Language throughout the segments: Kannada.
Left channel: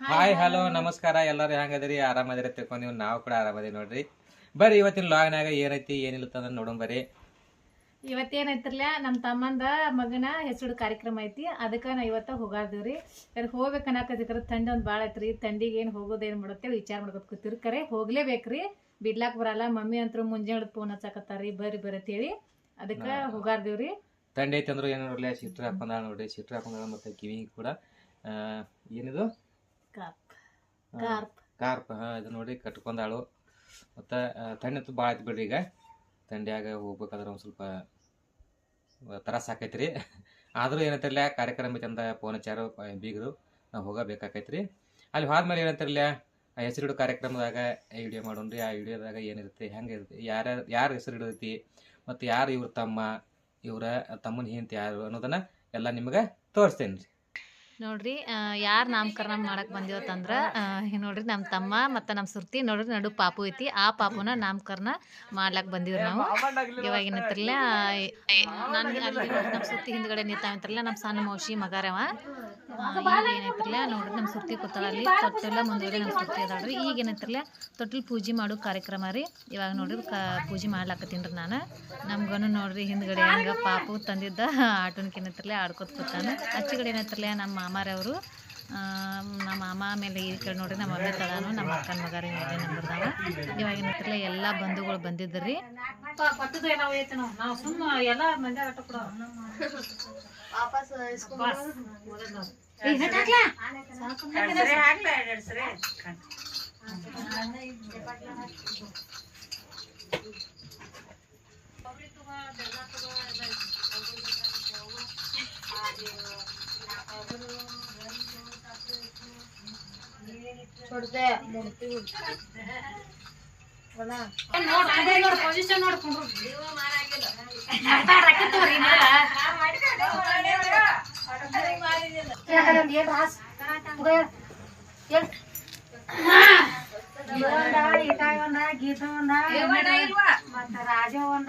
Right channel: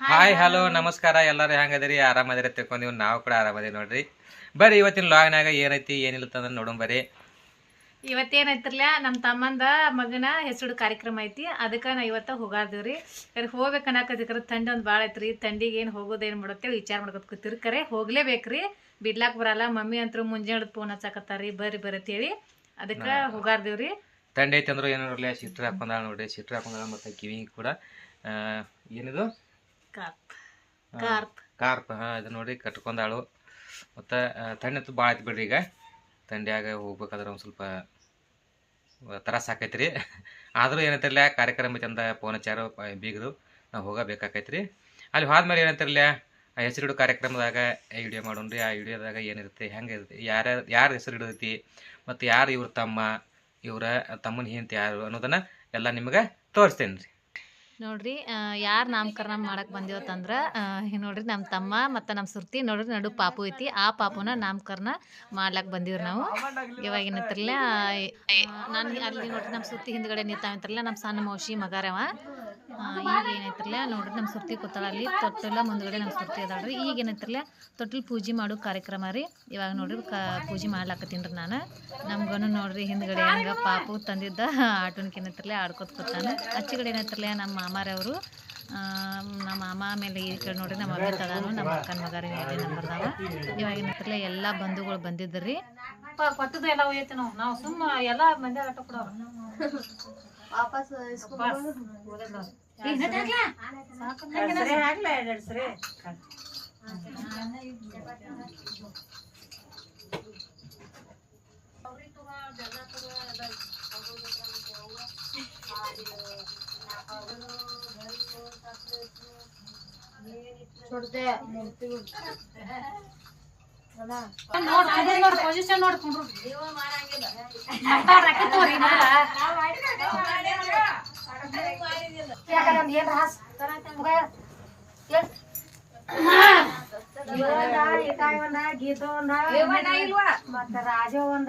ಹಾಯ್ ಹಲೋ ನಮಸ್ಕಾರ. ಎಲ್ಲರೂ ಹೆಂಗದಿರಿ? ಆರಾಮದಿರಿ ತಿಳ್ಕೊಂಡಿವ್ ನೀವು ನಾವು ಕೂಡ ಆರಾಮದಿರಿ ನೋಡ್ರಿ. ಬರ್ರಿ ಇವತ್ತಿನ ಲಾಗ್ನಾಗ ಏನೈತಿ ಏನಿಲ್ಲ ಅಂತ ನೋಡೋಣ ಬರ್ರಿ. ಇವತ್ತೇನೈತ್ರಲ್ಲ ನಮ್ಮ ತಮ್ಮಂದ ಮಗನ ಹೆಸರು ಕಾರ್ಯಕ್ರಮ ಐತಿ. ಅದಕ್ಕೆ ನಾ ಇವತ್ತ ಹೋಗಾರ್ದಿವ್ರಿ ಕರೆ ಹೋಗ್ಬೇಕು ಅನ್ನಕತ್ತಿಕ್ರ ಥಂಡಿ ಒಂದು ಭಾಳ ಐತ್ರಿ. ಥಂಡಿಗೆ ಏನು ಹೋಗೋದೇನು ಮಾಡೋತ್ತೇಳಿ ವಿಚಾರ ಮಾಡ್ಕೊತ ಕೂತಿರಿ. ಕರೆ ಹೋಗ್ಲೇಬೇಕ್ರಿ. ಬಿಡ್ಲಾಕ್ ಬರಲ್ಲ. ಮಮ್ಮಿ ಅಂತೂ ಮುಂಜಾನೆ ಫೋನ್ ಹಚ್ಚಾಕತ್ತಾರಿ. ಬರ್ರಿ ಅಂತೇಳಿ. ಅದಕ್ಕೆ ಹೋಗಾರ್ದಿವ್ರಿ ತಂಡೆ ಐತಿ ಅಂದ್ರೆ ಏನು ನೋಡ್ಲಿ ಸಿಟ್ರ್ ಹಾಕೊಂಡಾಳ ನೋಡ್ರಿ. ಸಿಟ್ರ್ ಹಾಕೊಂಡಾಳ ಮತ್ತು ಕಿವಿ ಕೂಡ ಏನಿದು? ಕಾರ್ಪ್. ಹಾಂ. ಇದು ನೋಡಿ ಕಟ್ಕೊಂಡಾಳು. ಮತ್ತು ತಣ್ಣತ್ತು ಭಾಳ ಐತಿ ಬಿಡ್ರಿ ಈಗ. ತಂಡಿಯಾಗ ಹೋಗ್ಬೇಕಾದ್ರೆ ಒಂದು ಸ್ವಲ್ಪ ತ್ರಾಸ ಆಕೈತಿ ರೀ ಆದರೂ ಏನಂತಿರಲ್ಲ ಕಾರ್ಯಕ್ರಮ ಐತಿ ಅಂದ ಫೋನ್ ಹಚ್ಚಾರು ಬೀಗರು ನಾವು ಹೋಗಬೇಕಾಕೈತಿ ರೀ ಅಲ್ಲಿ ಹೋದ್ಮೇಲೆ ಏನಂತಿರಲ್ಲ ಆ ಹೆಸರಿಡು ಕಾರ್ಯಕ್ರಮದಾಗ ವಿಡಿಯೋ ಮಾಡೋಣ್ರಿ ಆ ವಿಡಿಯೋದಾಗ ಏನಿರುತ್ತೆ ಹೆಂಗೆ ಇರುತ್ತೆ ಯಾರ ಯಾರು ಹೆಸರು ಇಡತೈತಿ ಮತ್ತು ಯಾರು ಇವ್ರ ತಮ್ಮ ಇವರ ತಮ್ಮನ ಹಿಂತ ಯಾರು ಅನ್ನೋದನ್ನು ಎಲ್ಲ ನಿಮಗೆ ತೋರಿಸ್ತೇನೆ ರೀ ನೋಡ್ರಿ ಯಾರು ನಾಮಕರಣ ಮಾಡಕ್ ಬಂದಿವತ್ತಂದ್ರೆ ನೋಡ್ರಿ ನಮ್ಮ ತಮ್ಮ ಮತ್ತು ನಮ್ಮ ಸುರ್ತಿ ನೋಡ್ರಿ ನಡು ಪಾಪು ಐತಿ, ಆ ಪಾಪುನ ನಾಮಕರಣ ಮಾಡ್ಲಾಕ್ ಬಂದಿವ್ರಿ ನಾವು. ಇವಾಗ ಏನಂತಾರಲ್ಲ ನಾನು ಅಲ್ಲಿ ನೋಡ್ರಿ ನಮ್ಮ ಸುರ್ತಿ ಹಿಂದ್ಗಡೆ ನಿಂತಾವಂತಾರಲ್ಲ ನಮ್ಮ ಸಣ್ಣ ಮೌಶಿ ಮಗಾರವ ಈಗ ಏನೈತ್ರಲ್ಲ ನೋಡ್ರಿ ನಮ್ಮ ಸುರ್ತಿ ಕೂತಾಳ ಅಲ್ಲಿ, ತೊಟ್ಟಲ ಮುಂದ್ಗಡೆ ನಮ್ಮ ಸುರ್ತಿ ಅದಾಳ್ರಿ ಈಗ ಏನೈತ್ರಲ್ಲ ತೊಟ್ಟಲ್ ಪೂಜೆ ಮಾಡೋ ಕಾರ್ಯಕ್ರಮ ರೀ. ಇವಾಗ ನೋಡ್ರಿ ಕ, ಪೂಜೆ ಮಾಡ್ಲಾಕತ್ತೀನಿ ರೀ ನಾನು. ನಮ್ಗನು ನೋಡ್ರಿ ಹಿಂದ್ಗಡೆ ಹಂಗೆ ಪಾಪು ತಂದಿದ್ದ ಆಟೋನ್ಕ ಏನೈತ್ರಲ್ಲ ಆಡ್ಕೊತ ಕೂತಾನೆ. ಅಚ್ಚಿಗಡೆ ಏನೈತ್ರಲ್ಲ ನಮ್ಮ ಮಾಮಾರವರು ನಮ್ಮ ಮಾಮ ಆಮೇಲೆ ಈ ಕಡೆ ನೋಡ್ರಿ ನಮ್ಮ ಮಮ್ಮಿ ತದಾನು ನಮ್ಮ ಅಕ್ಕನ ಮಗಾರ ಹೇಳಿ ನಂಬರ್ದಾವ. ಇವಾಗ ಏನೈತ್ರಲ್ಲ ಎಲ್ಲ ಬಂಧುಗಳು ಬಂದಿದ್ರಿ ಕೊಟ್ಟದ ಎಲ್ಲ ಹೋಯ್ತು ನಾವು ನಾವು ಸುಮ್ಮ ಎಲ್ಲ ಮಂದಿ ಆಟ ಕೊಡೋ ಪೊಸಿಷನ್ ಒಂದ ಮತ್ತೆ ರಾಜ ಒಂದ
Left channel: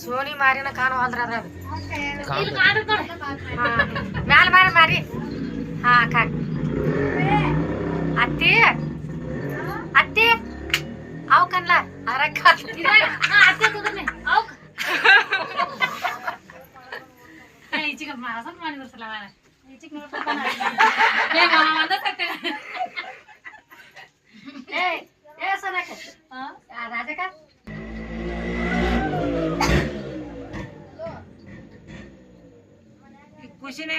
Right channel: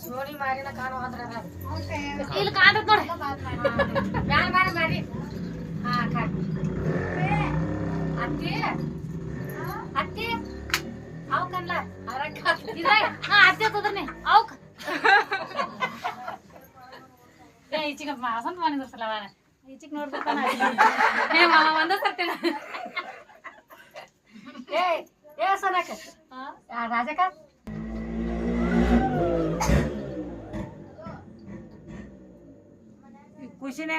ಸೋನಿ ಮಾರಿನ ಕಾಣು ಅಂದ್ರ ಅದ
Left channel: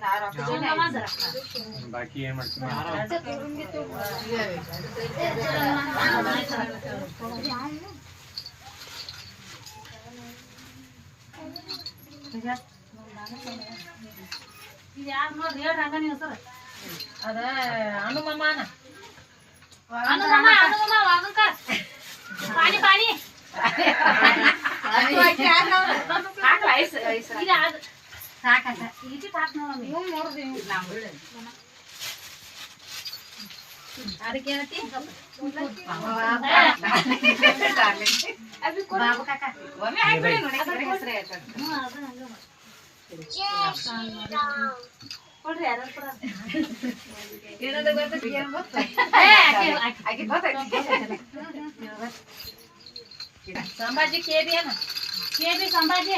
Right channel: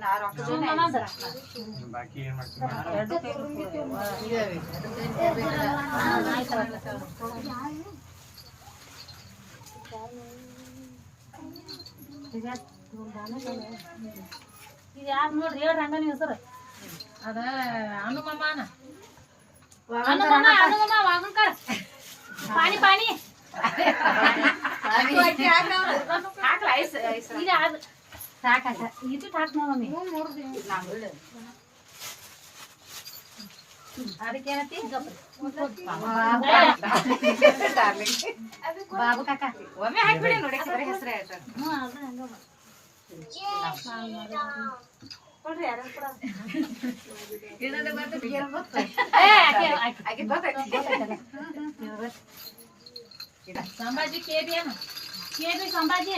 ಹಾ, ಇಡು. ನೀನ್ ಆ ರೊಕ್ಕ ಜೋಡಿ ಆಯ್ತು. ಇದು ಯಾರು ನೋಡ್ರಿ ಹೇಳ್ರಿ ಹಂಗ ನೀವು ಸರ್ ಅದ ಅನು ಮಾಮಾನ ಅನುಗಮ ಅನುಗಮ ವಾಗಂಕ ಪಾಣಿ ಪಾಣಿ ಹಾಕ್ಲ ಐಸ್ ಐಸ್ ಇದು ಅದು ಸಾಕಾಗ ಇದು ಸಾಕು ನೋಡಿ ನೋಡಿದ್ವಿ ನಾವು ಒಳ್ಳೆ ಅದಕ್ಕೇನತಿ ಬಾಬು ಕಾಕ ಒಮ್ಮೆ ಹಾಕ್ಬಿಡಿ ನೋಡಿ ಹೆಸರು ಹೇಳ್ತಾರೆ ಕೊಡ್ರಿ ಯಾರು ಸಂಭಾಜಿ ಕೇಬಿ ಅನ್ನ ಕೇಬಿ ಸಂಭಾಜಿ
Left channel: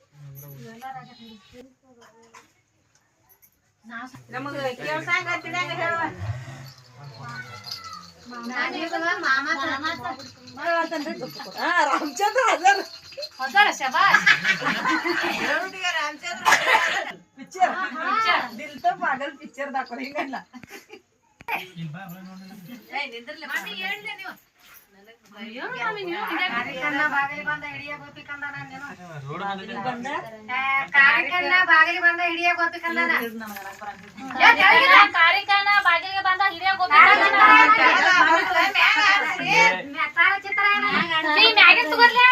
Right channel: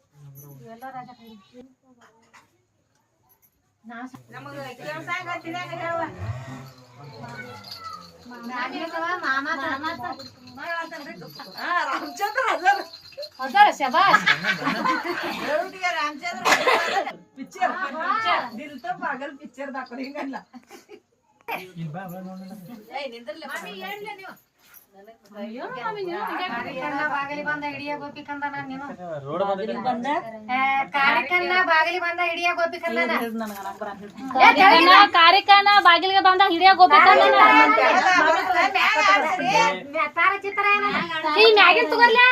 ರಾಮಚಂದ್ರ ಹಜಾರ ಹಜಾರ ಶಬಾಸ್ ರಾಮಚಂದ್ರ ಪಿಕ್ಚರ್ ದಿಲ್ ತೋ ಹಿಂಗಲ್ಲ ಇಲ್ಲ ಬಾ ಬಾ ಮಮ್ಮಿ ನೀವು. ಕಾರ್ಯಕ್ರಮ ಬಾಗಿಲಿ ಬಂದ ಹಿಡಿಯ ಗೋಪಿಕಂದ ನಾನು ಬಂದ ಕಾರ್ಯಕ್ರಮ ಬಾಗಿಲಿ ಬಂದ ಹಿಡಿಯ ಗೋಪಿಕಂದ ಕಾರ್ಯಕ್ರಮ ಬಾಗಿಲಿಗೆ ಬಂದ ಹಿರಿಯ ಗೋಪಿಕ ತಾರ ಚಿತ್ರ ಏನು ಈ ಮ್ಯಾಗಿನ್ ತಗೋರ್ಲೆ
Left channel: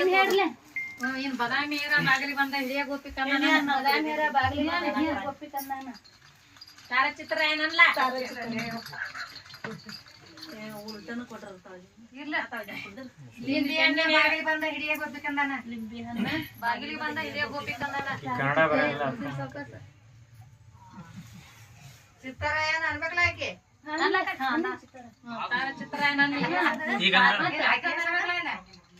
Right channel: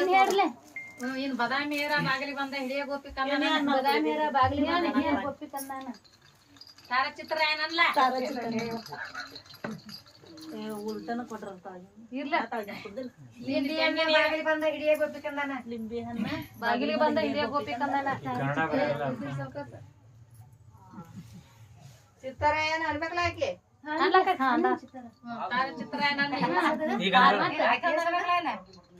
ಇನ್ ಹೇಳ್ಲೆ ಇನ್ ಬದಾಮಿಯರ ಬಾಗಿಲಿ ಬಂದ ಹಿಡಿಯ ಗೋಪಿಕಂದ ಬದಾಮಿಯರ ತಾರಚಿತ್ರ ಏನಲ್ಲ? ಉಲ್ಟನ ಕೊಟ್ಟಿರ್ತಾವ ಇರ್ಲ ಲಿಂಬಿ ಹಣ್ಣು ಬಾಗಿಲಿ ಬಂದ ಹಿಡಿಯ ಗೋಪಿಕಂದನ ಲಿಂಬಿ ಹಣ್ಣು ಬಾಗಿಲಿಗೆ ಬಂದ ಹಿಡಿಯ ಗೋಪಿಕಂದನ ಚಿತ್ತರ ಏನ್ ಅನ್ಬೇಕಲ್ಲ ಆಕೆ?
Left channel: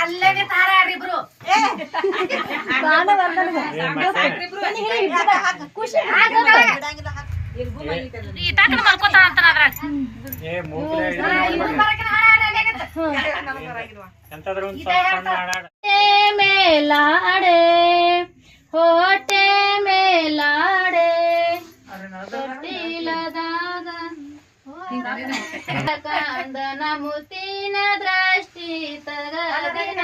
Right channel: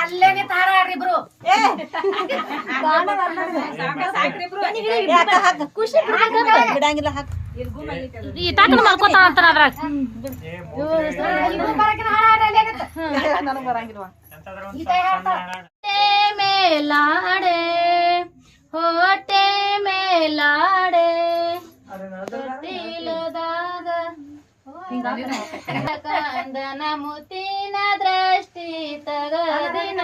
ಅಲ್ಲೇನೆ ತಾರ ಆಡ್ರಿ ಇಬ್ರು. ಬಿಡಂಗಿಲ್ಲ ಹಾಕ್. ಈ ತಾತನ ಮಾಡ್ಕೋತಾಳ ಅಂತ ಅದ್ರಾಗ. ಬರಕಿನ ಹಾಡ ಹಾಡ ಅಲ್ಲೇ ಆಗತ್ತೆ. ನನಗ್ ಬರಂಗಿಲ್ವಾ? ಮೇಲಾಡೆ ಹೋಟೆ ಮೇಲಾಡೆ ಕಂದನ ತಗದಿನ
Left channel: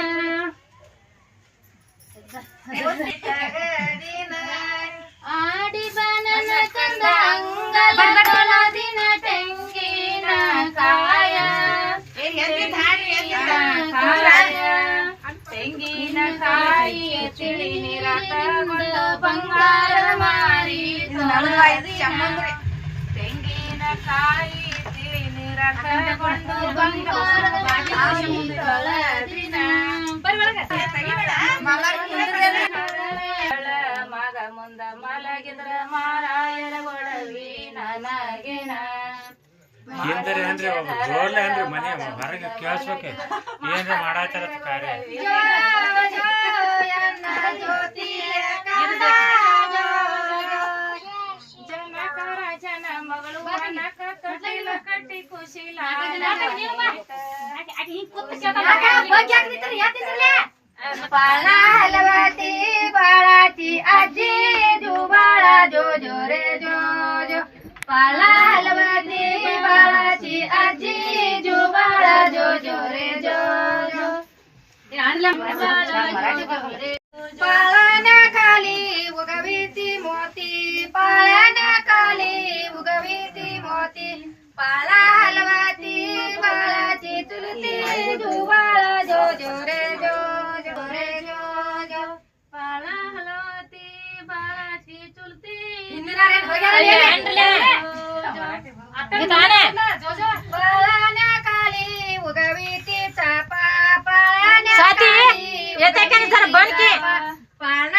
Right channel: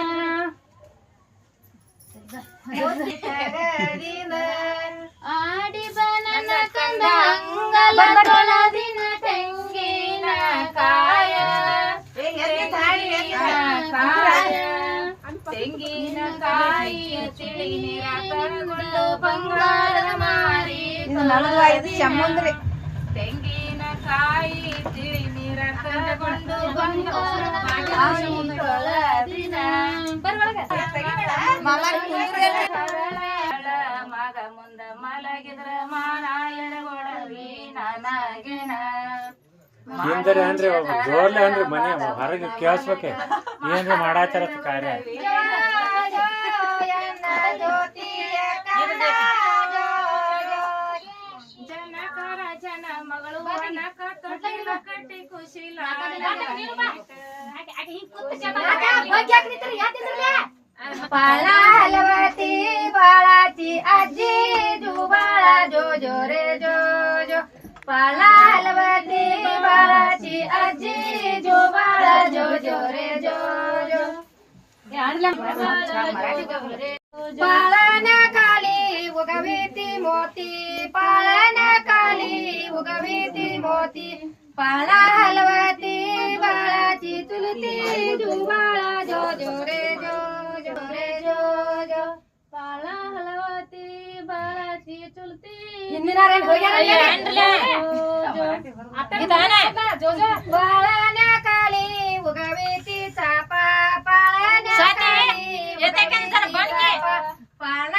ಆಡಿ ಬನನ ಕಂದ ಅಂಗಲ ತೊಳದಿನ ತೆಂಗಿನ ಕಾಯ ಕಾಯ ತೆಂಗಿನ ಕಾಯಿ ತಿಳಿ ನೀರಾಕೊಂಡು ಬಂಗಾರದ ಮಾರಿ ತೊಳೆದಿನ. ತೆಂಗಿನ ಕಾಯಿ ಮಗ ಮುಂದ ಮಲಗಿದ್ರ ಮಾರಾಯರ ಗೊಡವಿ ನನಗಿನ ಏನ್ರಿ ಏನ್ರಿ ಜೋರ್ಲೆ ಏನ್ರಿ ಮನೆ ಹೊರಗೆ ಕೇಳಿಸ್ಬೇಕೆ. ಏನ್ರಿ ಮಾಡಾಚಾರ ಕಾರ್ಯ? ಜನಕರ ಜನ ಮಗಳು ಕಟ್ಟಿ पाला हलवाची बाळाची आजी जो बाळा जो जो रे जो जो. पाला हलवाची बाळाची आजी जो बाळा जो जो रे जो जो. पाळाना खाली उगवी ती मोती. पाळाना खाली उगवी ती मोती. पाला हलवाती बाळाची चुलती जुबाळा जो जो रे जो जो रे जो जो. पाला हलवाती बाळाची चुलती हिंदी रे हो गया रे आता गाणं जो जो. बाळाने काली उगावे तिचा पाळाने साथी येते काय जर बंद के. पाळा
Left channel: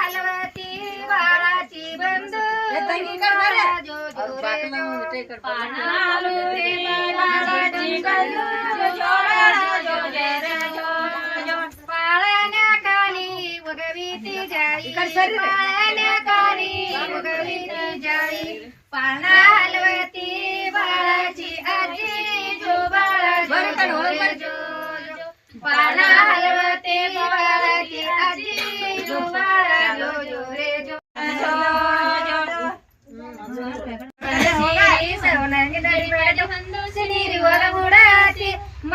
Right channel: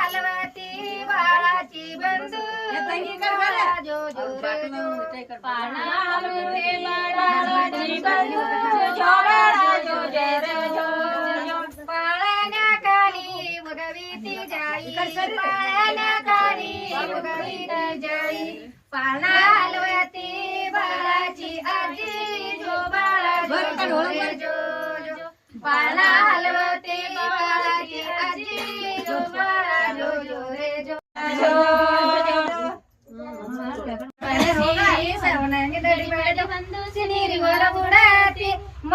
પાણા હલવતે બાલાજી અજી જો મારા જો જો રે જો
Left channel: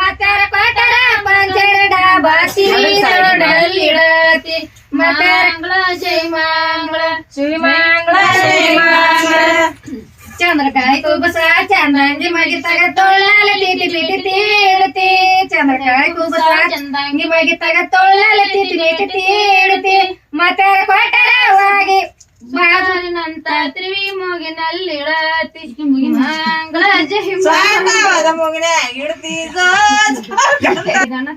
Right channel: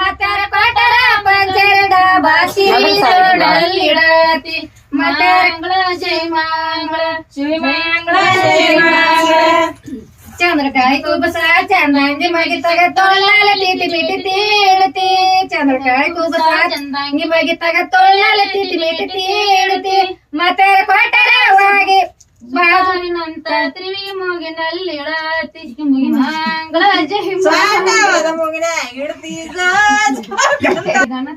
ಮತರ ಪಟರ ಪಂಜರಡ ಬಾಸಿ ಸೊಡಲ್ಲಿಡತಿ ಮಟರಂಗಳ ಜೈ ಮಾಂಗಳ ಶ್ರೀ ಮಾಂಗಳ ಜೈ ಮಾಂಗಳ ಚಂದ್ರ ಕಾಯಿ ಕೂಬಸ ಚಂದಂಗಿ ಮಗಿ ತಗ ತೊಳ್ಳಾಲ ತೀಟಿ ಬೀಟಿ ಚಂದ್ರ ಕಾಯಿ ಕೂಬಸ ಚಂದಂಗಿ ಮಗಿ ತಗ ತೊಳ್ಳಾಲ ತೀಟಿ ಬೀಟಿ ತೀಳುತ್ತೆ. ಮತರ ಪಟರವಾಗಿ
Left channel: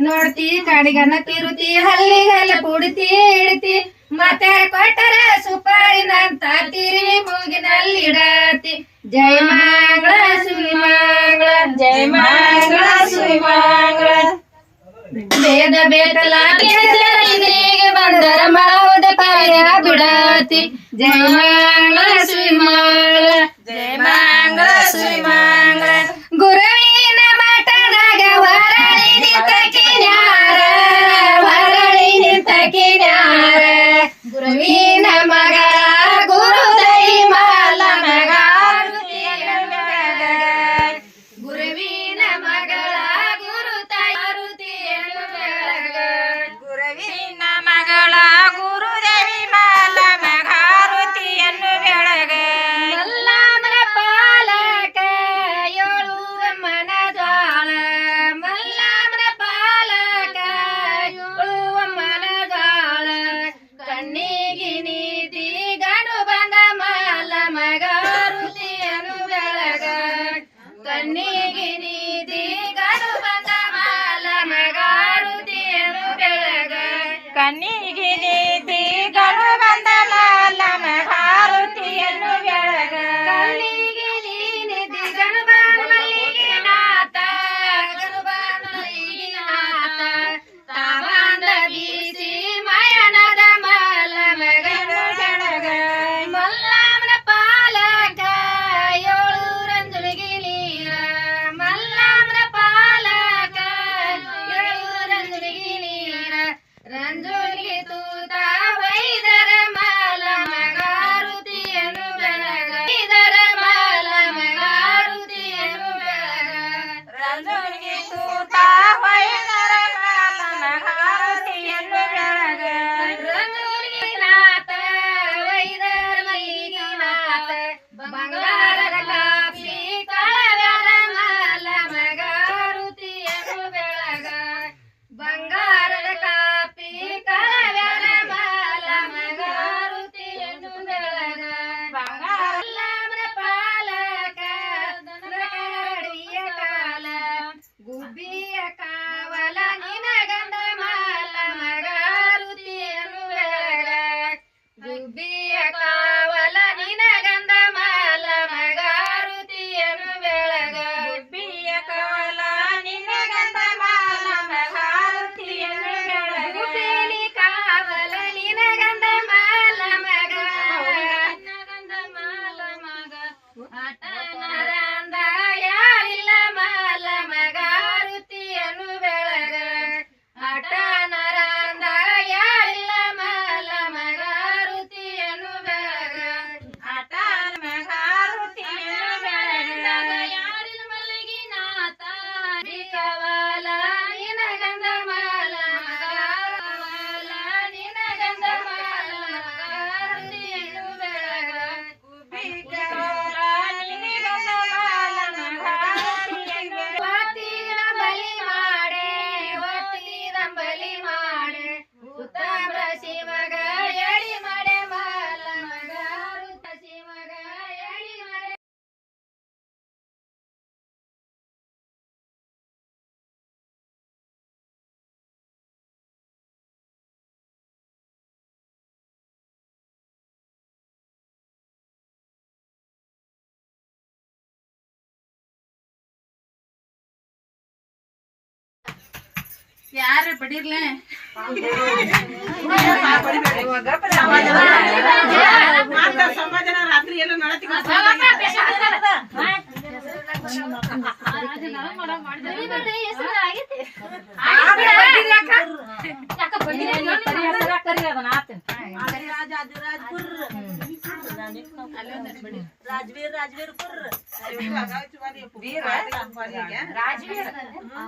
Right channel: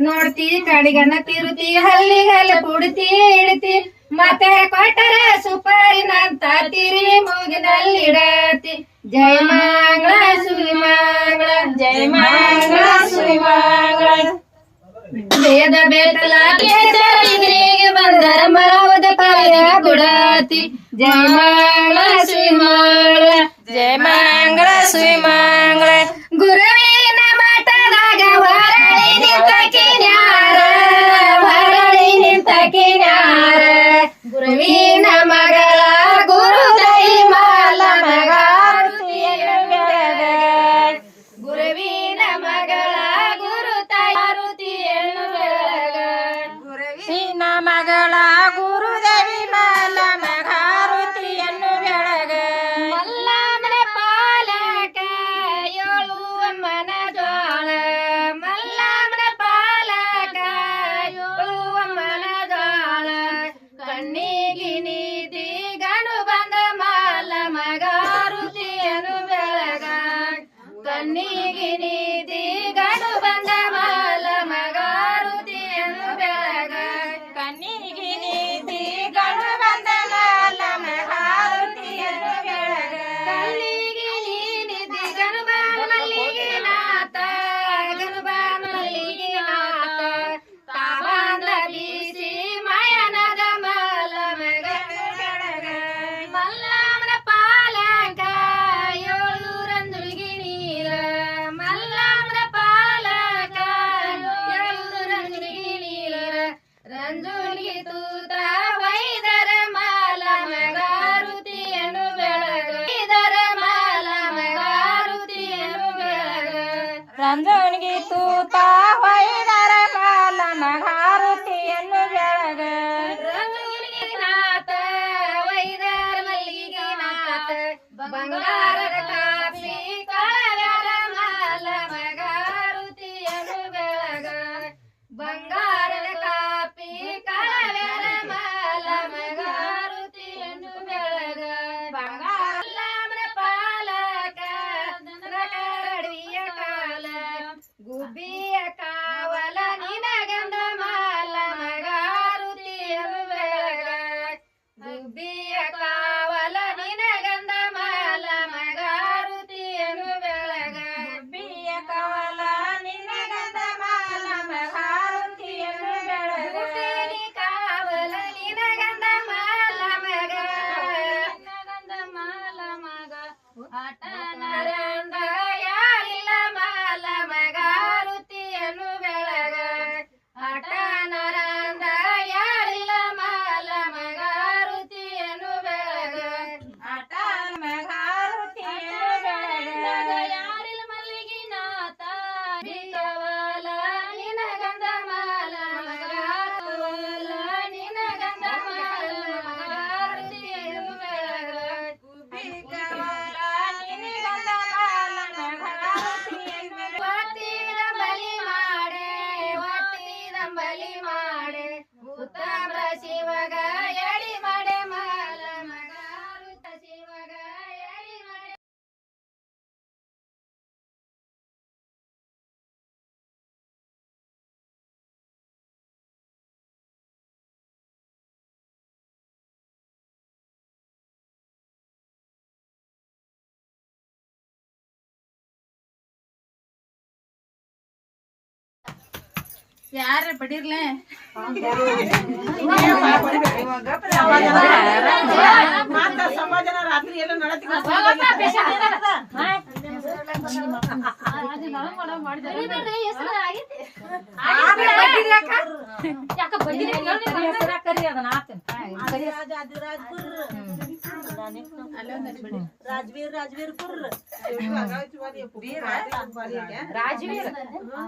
ನೋಡ್ತಿ ಕಾಡಿಗನ ತಿರುತಿ ಹಲ್ಲಿ ಹಲ್ಲ ಕುಡ್ತಿ ಇಡ್ತಿ ಮತ್ತೆ ಕೊಟ್ಟರ ಸುಪಾರಿನಂತ ತಿರುವಿ ಮೂಗಿನಲ್ಲಿ ಇಡತಿ ಜಯ ಮಂಗಳ ಸುವಿ ಮಂಗಳ ಜಯ ಮಂಗಳ ಸುವಿ ಮಂಗಳ ಬೇದ ಬೇಕಲ್ಲ ಬಂದರ ಮರ पाया बुढ़ाती जय मंगला श्री मंगला जय मंगला श्री मंगला गिरी ಪುರ್ ರಾಜವೀರ್ ರಾಜವೀರ್ ಪುರ್ ರಾಜವೀರ್ ಬಾ ಕಟ್ಕೊಂಡಿದ್ರು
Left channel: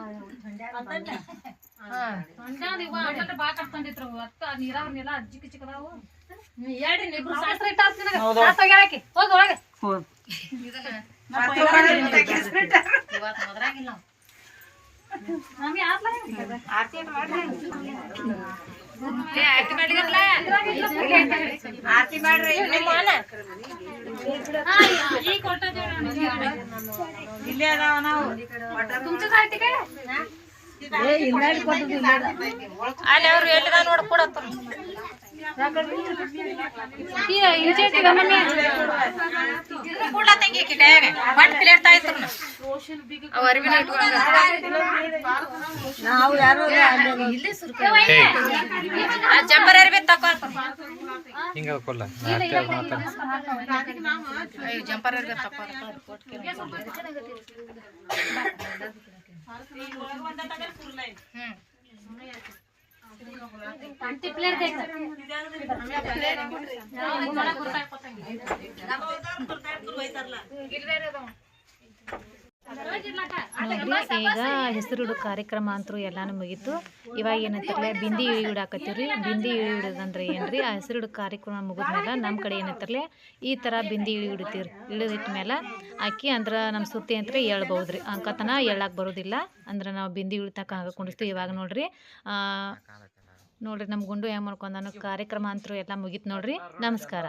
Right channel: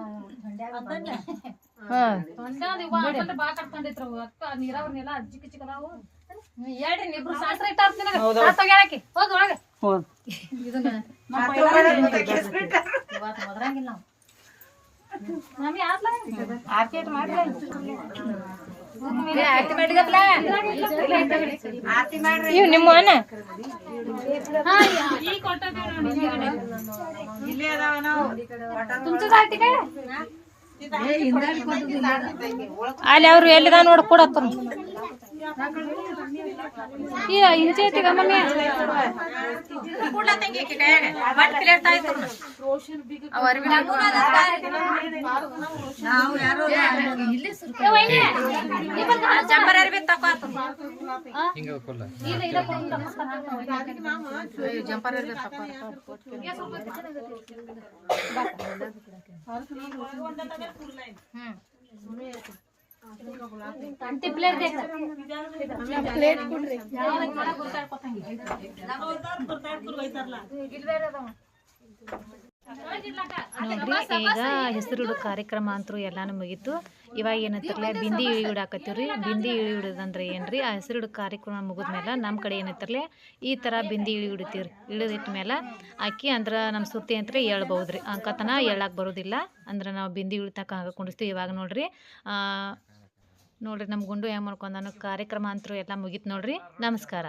ಒತ್ತ ನೀರಾವರಿನೆಲ್ಲ ಅಜ್ಜಿಕ್ ಚಿಕ್ಕದಾವು ಹೇಳ್ರಿ ಇಬ್ರು ಶಾಸ್ತ್ರ ಇಟ್ಟಾರ ನಿನಗ ಹೋಗ್ಯಾಳಕಿ ಹೋಗಿ ಒಳಗೆ ಇದನ್ನ ಇವತ್ತು ಮೊದಲಾಗಿಲ್ಲ ನಮಗೆ ಆರ್ತಿ ಮಾಡ್ರಿ ನಿಮ್ಮ ಈ ಕೊಟ್ಟದ್ದು ತುಮಚದ ಆರ್ತಿ ಕೈ ಅಲ್ಲಿ ಅವ್ರು ಎಲ್ಲಿದ ನೋಡ್ ಕೊಡತ್ತ ನಾವು ಯಾರು ಜಂಬರ್ ಅರ್ಬಿ ತಕೋ ಹಿಂಗೆ ಕೊಲ್ಲ ಜಂಪರ್ ಅರ್ಬಿ ತಕೋ ನೋಡ್ರಿ ಈಗ ಹೆಸರು ಕಾರ್ಯಕ್ರಮ ಅಂತೂ ಎಲ್ಲಾನು ಮುಗೀತು. ಇವಾಗ ಏನಂತಾರಲ್ಲ ಬಿಂದಿ ಇಳಿ ಹಿಡಾಕತ್ತೀವ್ರಿ ಬಿಂದಿ ಇಳಿ ಹಿಡೋದಂದ್ರೆ ಏನ್ರಿ? ಆ ಹೆಸರು ಕಾರ್ಯಕ್ರಮ ಮುಗಿದ್ಮೇಲೆ ನಮ್ಮ ಕಡೆ ಏನಂತಾರಲ್ಲ ಈ ಥರ ಬಿಂದಿ ಇಳಿ ಹಿಡಿತೀವ್ರಿ ಇಳಿದಿಟ್ಟ ಮೇಲೆ ಅಕ್ಕಿ ಅಂದ್ರೆ ನಮ್ಮ ಸುತ್ತಿ ಅಂತ ಹೇಳ್ಬಹುದ್ರಿ. ಅಂಕತನ ಹೇಳಕ್ಕೆ ಬರೋದಿಲ್ಲ. ಅಂದ್ರೆ ನಾವು ಬಿಂದಿ ಇಳಿತಕ್ಕ ಹಾಗೆ ಕುಂಡಿಸ್ತೀವಿ ಇವಾಗ ನೋಡ್ರಿ. ಆ, ನೋಡ್ರಿ ನಮ್ಮ ಗುಂಡು ಹೆಂಗೆ ಮಾಡ್ಕೊಂಡಾನು ಕಾರ್ಯಕ್ರಮ ಅಂತೂ ಎಲ್ಲ ಮುಗೀತು ನೋಡ್ರಿ. ನಮಸ್ಕಾರ.